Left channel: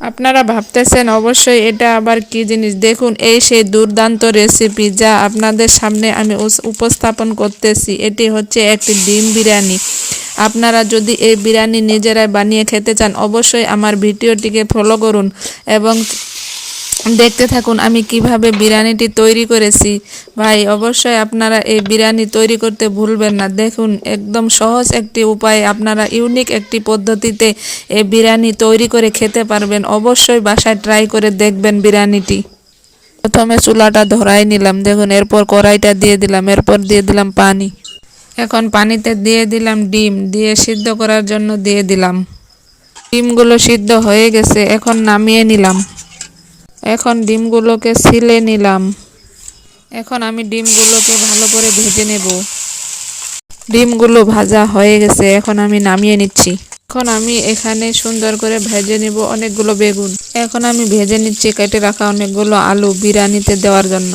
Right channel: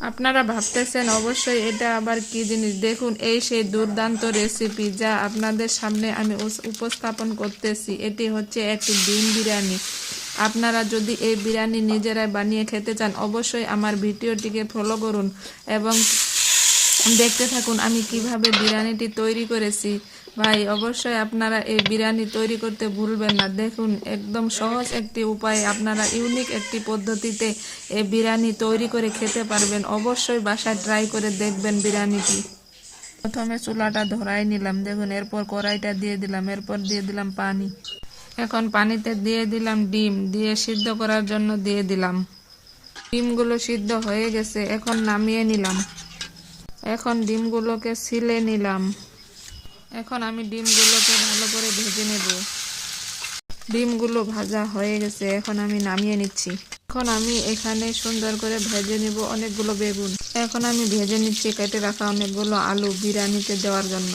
আপনারা ভাবতেছেন অবশ্যই এটা আবার কি জিনিস? দেখুন, এই সেই দুর্দান্ত রেসিপি যা আপনাদের সামনে আমি উপস্থাপন করতেছি, এটি হচ্ছে একটি ডিম বিরিয়ানি। আপনারা যদি এই বিরিয়ানি নিজেরাই বানিয়ে খেতে চান, অবশ্যই আমার ভিডিওটিকে ফলো করুন এবং দেখতে থাকুন, আমি কীভাবে বিরিয়ানিটি তৈরি করেছি। ভাই, অবশ্যই আপনারা এই বিরিয়ানি তৈরি করতে ভুলবেন না। দেখুন, একদম সহজ একটি উপায়ে, আপনারা ইউনিক একটি পদ্ধতিতে এই বিরিয়ানি তৈরি করে খেতে পারবেন। অবশ্যই বাসায় ট্রাই করে দেখবেন বিরিয়ানিটি। প্রথমে চুলাটা ধরাই নিলাম। দেখুন, এরপর কড়াইটা দিয়ে দিলাম। এরপর দিয়ে দিলাম পানি। এখন পানিতে দিয়ে দিলাম ডিম। দিয়ে সিদ্ধ করার জন্য দিয়ে দিলাম। ডিমগুলো সিদ্ধ হয়ে গেছে। এখন নামিয়ে নিলাম। এখন ডিমগুলোকে ছিলে নিলাম। এখন আমি ডিমগুলোকে ভালো করে ভেজে নেব। ডিমগুলো ভাজা হয়ে গেছে, এখন আমি নামিয়ে নিচ্ছি। এখন আমি এখানে সুন্দর করে ভেজে নেব অনেকগুলো বেগুন। এখন আমি ভেজে নিচ্ছি, কেটে রাখা অনেকগুলো আলু বিরিয়ানিতে দেওয়ার জন্য।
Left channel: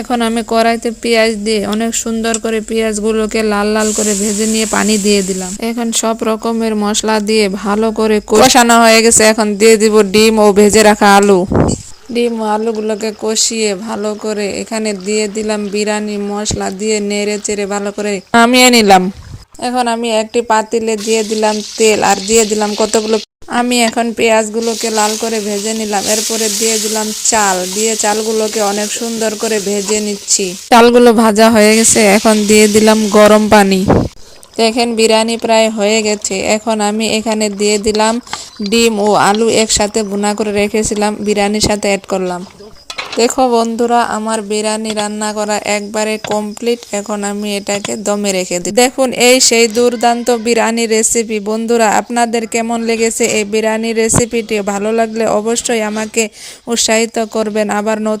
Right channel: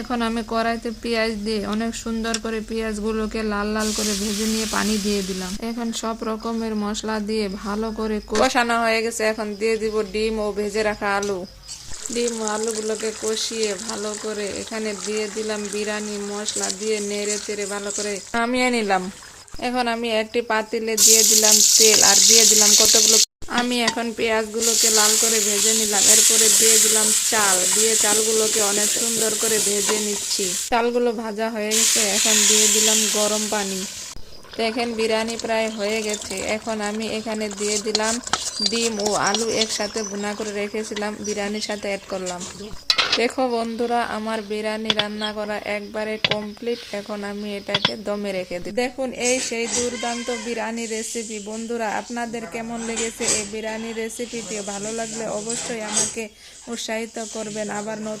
এখন আমি কড়াইতে পেঁয়াজ দিয়ে অনেক সুন্দর করে পেঁয়াজগুলোকে লাল লাল করে ভেজে নিয়ে পানি দিয়ে দিলাম। এখন সব রকমের মশলা দিয়ে ভালো করে কষানো হয়ে গেছে। এখন দিয়ে দিব ডিম ও ভেজে রাখা আলু। ডিম আলুগুলোকে কষিয়ে ভালো করে এখানে দিয়ে দিলাম বিরিয়ানি মশলা দিয়ে নেড়ে চেড়ে ভালো করে নামিয়ে নিলাম। এখন আমি একটি পাতিলে দিয়ে দিলাম তেল আর দিয়ে দিলাম কতগুলো আমি এখন পেঁয়াজগুলোকে লাল করে ভেজে নিলাম। এরপরে দিয়ে দিলাম চাল। দিয়ে চালগুলোকে অনেক সুন্দর করে ভেজে নিচ্ছি। চালগুলো ভাজা হয়ে গেছে। এখন দিয়ে দিলাম গরম পানি। দেখেন বিরিয়ানি প্রায় হয়ে গেছে। এখন আমি এখানে দিয়ে দিলাম ডিম ও আলু একসাথে ভুনা করে রেখেছিলাম, বিরিয়ানির সাথে অ্যাড করলাম। দেখো বন্ধুরা, আমার বিরিয়ানি রান্না করা একবারে কমপ্লিট এখন আমি এটাকে দমে রেখে দিই। দেখুন, এই সেই দুর্দান্ত বিরিয়ানি রেসিপি বন্ধুরা, আপনাদের কেমন লেগেছে এই বিরিয়ানি রেসিপিটি ভালো লাগলে অবশ্যই আমাকে উৎসাহিত করবেন। আবার নতুন